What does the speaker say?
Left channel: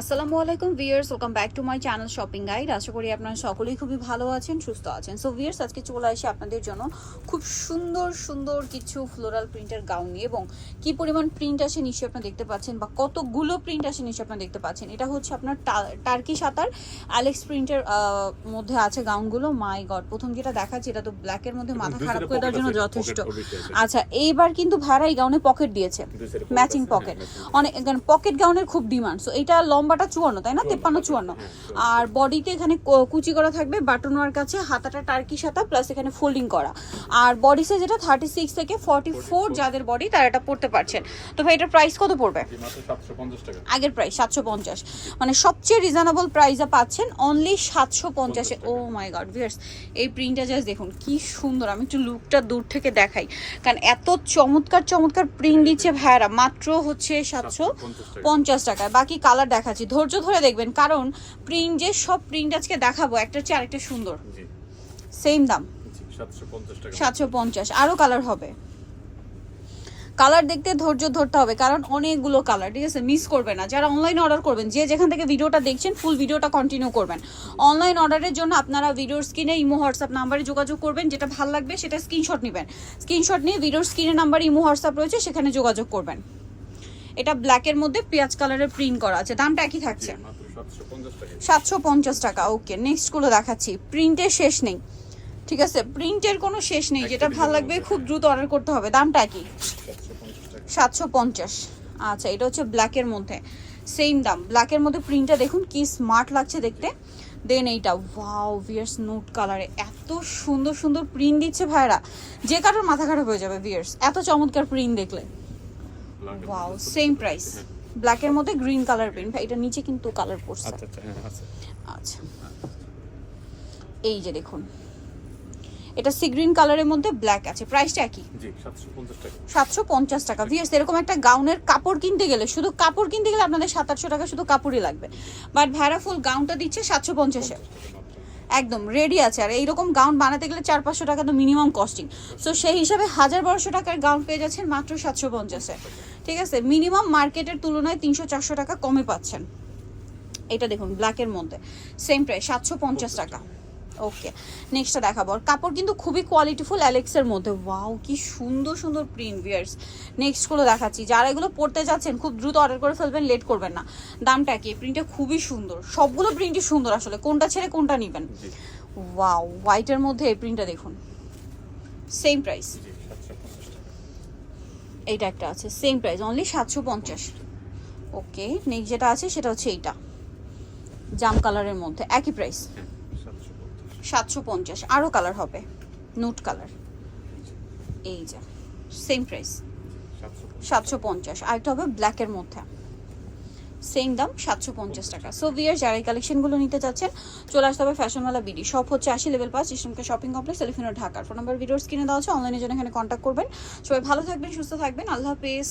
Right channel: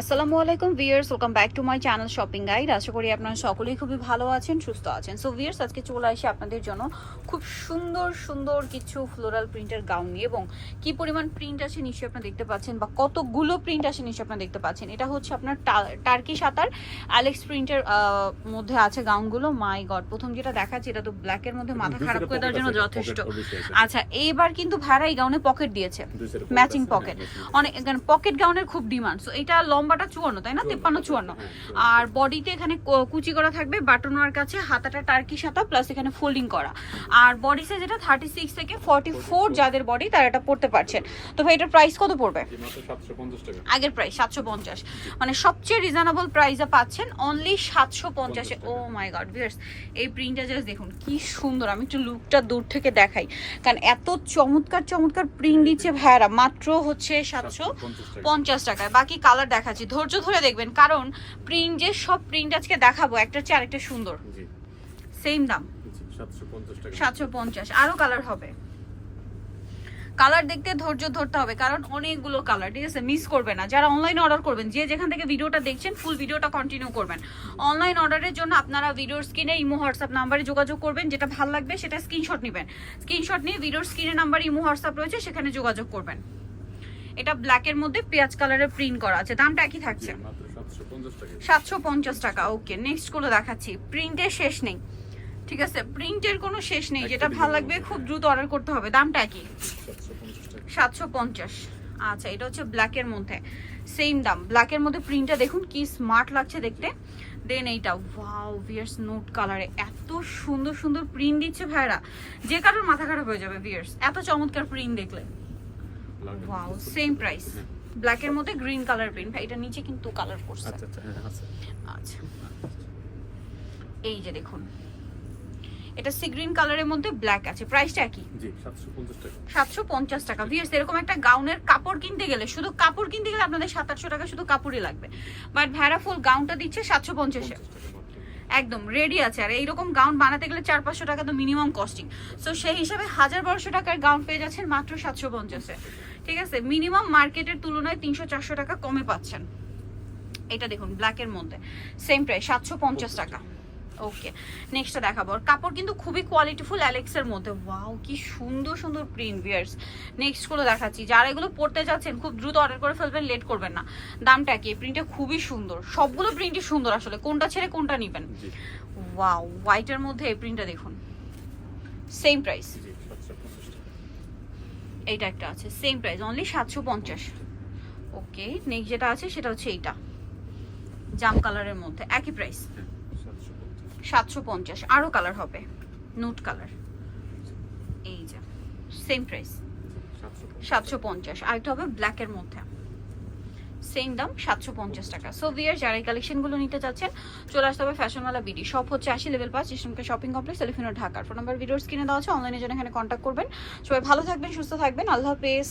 আসসালামু আলাইকুম viewers welcome back to my channel shopping guide. আশা করি আপনারা সকলেই খুবই ভালো আছেন সুস্থ আছেন। সো ভিয়ার্স আজকে চলে আসি আপনাদের জন্য খুব সুন্দর সুন্দর কিছু ফ্লোরাল প্রিন্টের গাউন নিয়ে এবং কি পরিমাণ প্রিন্ট আছে নিশ্চয়ই আপনারা দেখতে পাচ্ছেন বা কতগুলো প্রিন্ট আছে নিশ্চয়ই আপনারা দেখতে পাচ্ছেন। এটা হচ্ছে আপনার টার্কি সাঁতার। অ্যালেক্স প্রিন্টের মধ্যে আছে গাউনগুলো মাই গড প্রথম যেটা দেখাচ্ছে এটা তো ব্ল্যাকের মধ্যে মাথা খারাপ করে দেওয়ার জন্য যথেষ্ট। আচ্ছা এইবার কিন্তু ভ্যারা এই গাউনে পকেট দিয়েছে। ম্যাচিং পকেট অনেক পকেট গাউনের খুব ডিমান্ড সো এটা লম্বাটা চুয়ান্ন তাই না? তেপ্পান্ন চুয়ান্ন আর বডিতে এখানে কুচি করা থাকবে বাটন ওয়ার কাছে হাতাটা টার্কি সাতা প্লাস এখানে ফোল্ডিং করা। আর বডি সাইজ এটা থার্টি সিক্স থেকে ফর্টি ফোর যাদের বডি তারা এটা পড়তে পারছেন। তো ভাই এটার প্রাইস কত পড়বে? আগের প্রাইস সাতশো পঞ্চাশ। মানে সবচেয়ে রিজনেবল প্রাইসে পাচ্ছেন অনলি সাতশো পঞ্চাশে ও মাই গড ভিয়ার্স এই প্রিন্টটা জাস্ট দেখুন কি সুন্দর। আমি একটু লুকটা দূর থেকে দেখাই। কারণ এত চমৎকার চমৎকার প্রিন্ট দিচ্ছে ভাইয়ারা। মাত্র হচ্ছে সাতশো পঞ্চাশ টাকায়। বাকি কালার দেখাচ্ছি। ধৈর্য ধরে দেখবেন কারণ প্রিন্ট যে সব প্রিন্ট আজকে দেখাবো একটা হচ্ছে আরেকটা সুন্দর। সেম দাম। সাতশো পঞ্চাশ আরও কালার হবে। কালার দেখতে ধৈর্য ধরতে হবে কারণ অনেকগুলো কালার ঠিক আছে? মিস করবে না। যারা অনলাইন অর্ডার করবেন যে যেখান থেকে ভিডিওটা দেখছেন ফুল ভিডিওটা কন্টিনিউ করবেন। অনলাইন অর্ডারের জন্য আপনারা ভিডিওর স্ক্রিনে ইমো হোয়াটসঅ্যাপ নাম্বারে যোগাযোগ করবেন যেটা ভালো লাগবে সেটা স্ক্রিনশট নেবেন। স্ক্রিনশট নিয়ে ভিডিওর স্ক্রিনে নাম্বার ইমো হোয়াটসঅ্যাপ রয়েছে সেখানে যোগাযোগ করবেন। এটা ব্ল্যাকের মধ্যে পেঁয়াজ কালারের প্রিন্ট করা আছে। দামটা একই থাকছে। সাতশো পঞ্চাশ টাকা। ওকে নেক্সটগুলো দেখাচ্ছি। প্রিন্টের শেষ নেই। ঠিক আছে প্রিন্টের কোনো শেষ নেই। যেটা ভালো লাগবে খুব দ্রুত অর্ডার করতে হবে। দামটা কি সাতশো পঞ্চাশ আচ্ছা এটা হচ্ছে ব্ল্যাকের মধ্যে। সেম দাম। ব্ল্যাকের মধ্যে প্রিন্টটা দেখুন কি স্মার্ট লাগছে দেখতে। দেন এইটা ওয়াও ভিয়ার্স নোট কালারে এত সুন্দর সুন্দর প্রিন্ট দিচ্ছে ভাইরা যে কারোর মাথা খারাপ হয়ে যাবে ভিয়ার্স এত চমৎকার প্রিন্ট দেখলে। ওয়াও সেম প্রাইস ব্ল্যাকের মধ্যে গ্রিন কালার প্রিন্ট এটা নিচে কিন্তু কালার করছে। আচ্ছা আচ্ছা হ্যাঁ, আচ্ছা। এই যে দেখুন এটা সি গ্রিন কালারের মধ্যে ব্ল্যাক আছে। প্রাইসটা একই। জি সাতশো পঞ্চাশ টাকা। সাতশো পঞ্চাশ টাকা। ভিয়ার্স এরকম একটা গাউনের কাপড় কিনতে গেলে শুধু কাপড় কিনতে গেলে আপনাদের সাত আটশো টাকা শুধু কাপড়ই লাগবে। বাট ভ্যারা ফুল গাউনটা দিচ্ছে সাতশো পঞ্চাশে পঞ্চাশ টাকা মাত্র। একদম রেডি আছে। আর এইরকম গাউন বানাতে গেলে চার পাঁচশো টাকা তো মিনিমাম কস্টিং সো সেই হিসাবে হাজার বারোশো টাকার গাউন পেয়ে যাচ্ছেন মাত্র সাতশো পঞ্চাশে ঠিক আছে? মিনিমাম মার্কেটের তুলনায় তিনশো চারশো টাকা কমে পাচ্ছেন। এটা দেখুন ব্ল্যাকের মধ্যে। সেম প্রাইস সাতশো পঞ্চাশ টাকা। ওকে নেক্সটটা দেখাবো। আর কাপড় কিন্তু খুবই কোয়ালিটিফুল অ্যালেক্সের মধ্যে। ওয়াও কি সুন্দর সুন্দর প্রিন্ট বিয়ার্স নেক্সটগুলো দেখাচ্ছি। যারা এগুলো পড়তে যাচ্ছেন খুব দ্রুত অর্ডার করে ফেলবেন লেট করবেন না। দামটা কি? প্রিন্টটা খুবই সুন্দর। সবগুলো প্রিন্টই সুন্দর আসলে। কোনটা ছেড়ে কোনটা নেবেন? ওয়াও হোয়াইটের মধ্যে এই প্রিন্টটা দেখুন। সেম প্রাইস এইটা একটা আছে। সেম প্রাইস অনলি সাতশো পঞ্চাশ। ওকে নেক্সট যেটা আছে সেটা হচ্ছে এইটা। জাম কালারের মধ্যে। একই প্রাইস সাতশো পঞ্চাশ। আরও কালার হবে। নোট কালার এই যে সেম প্রাইস সাতশো পঞ্চাশ। আরেকটা হবে ব্ল্যাকের মধ্যে। সেম দাম সাতশো পঞ্চাশ টাকা। সো বিয়ার যারা এই কালেকশনগুলো নিতে চাচ্ছেন চলে আসতে হবে ফ্যাশনওয়ালা বিডি শপ হচ্ছে আশি লেভেল পাঁচ ইসলামকে শপিং কমপ্লেক্স এলিফিনো ঢাকার ফোন নাম্বার ভিডিওর স্ক্রিনে দেওয়া আছে অনলাইনে জন্য এখানে কন্ট্যাক্ট করবেন। সবাই ভালো থাকবেন সুস্থ থাকবেন। আল্লাহ হাফেজ।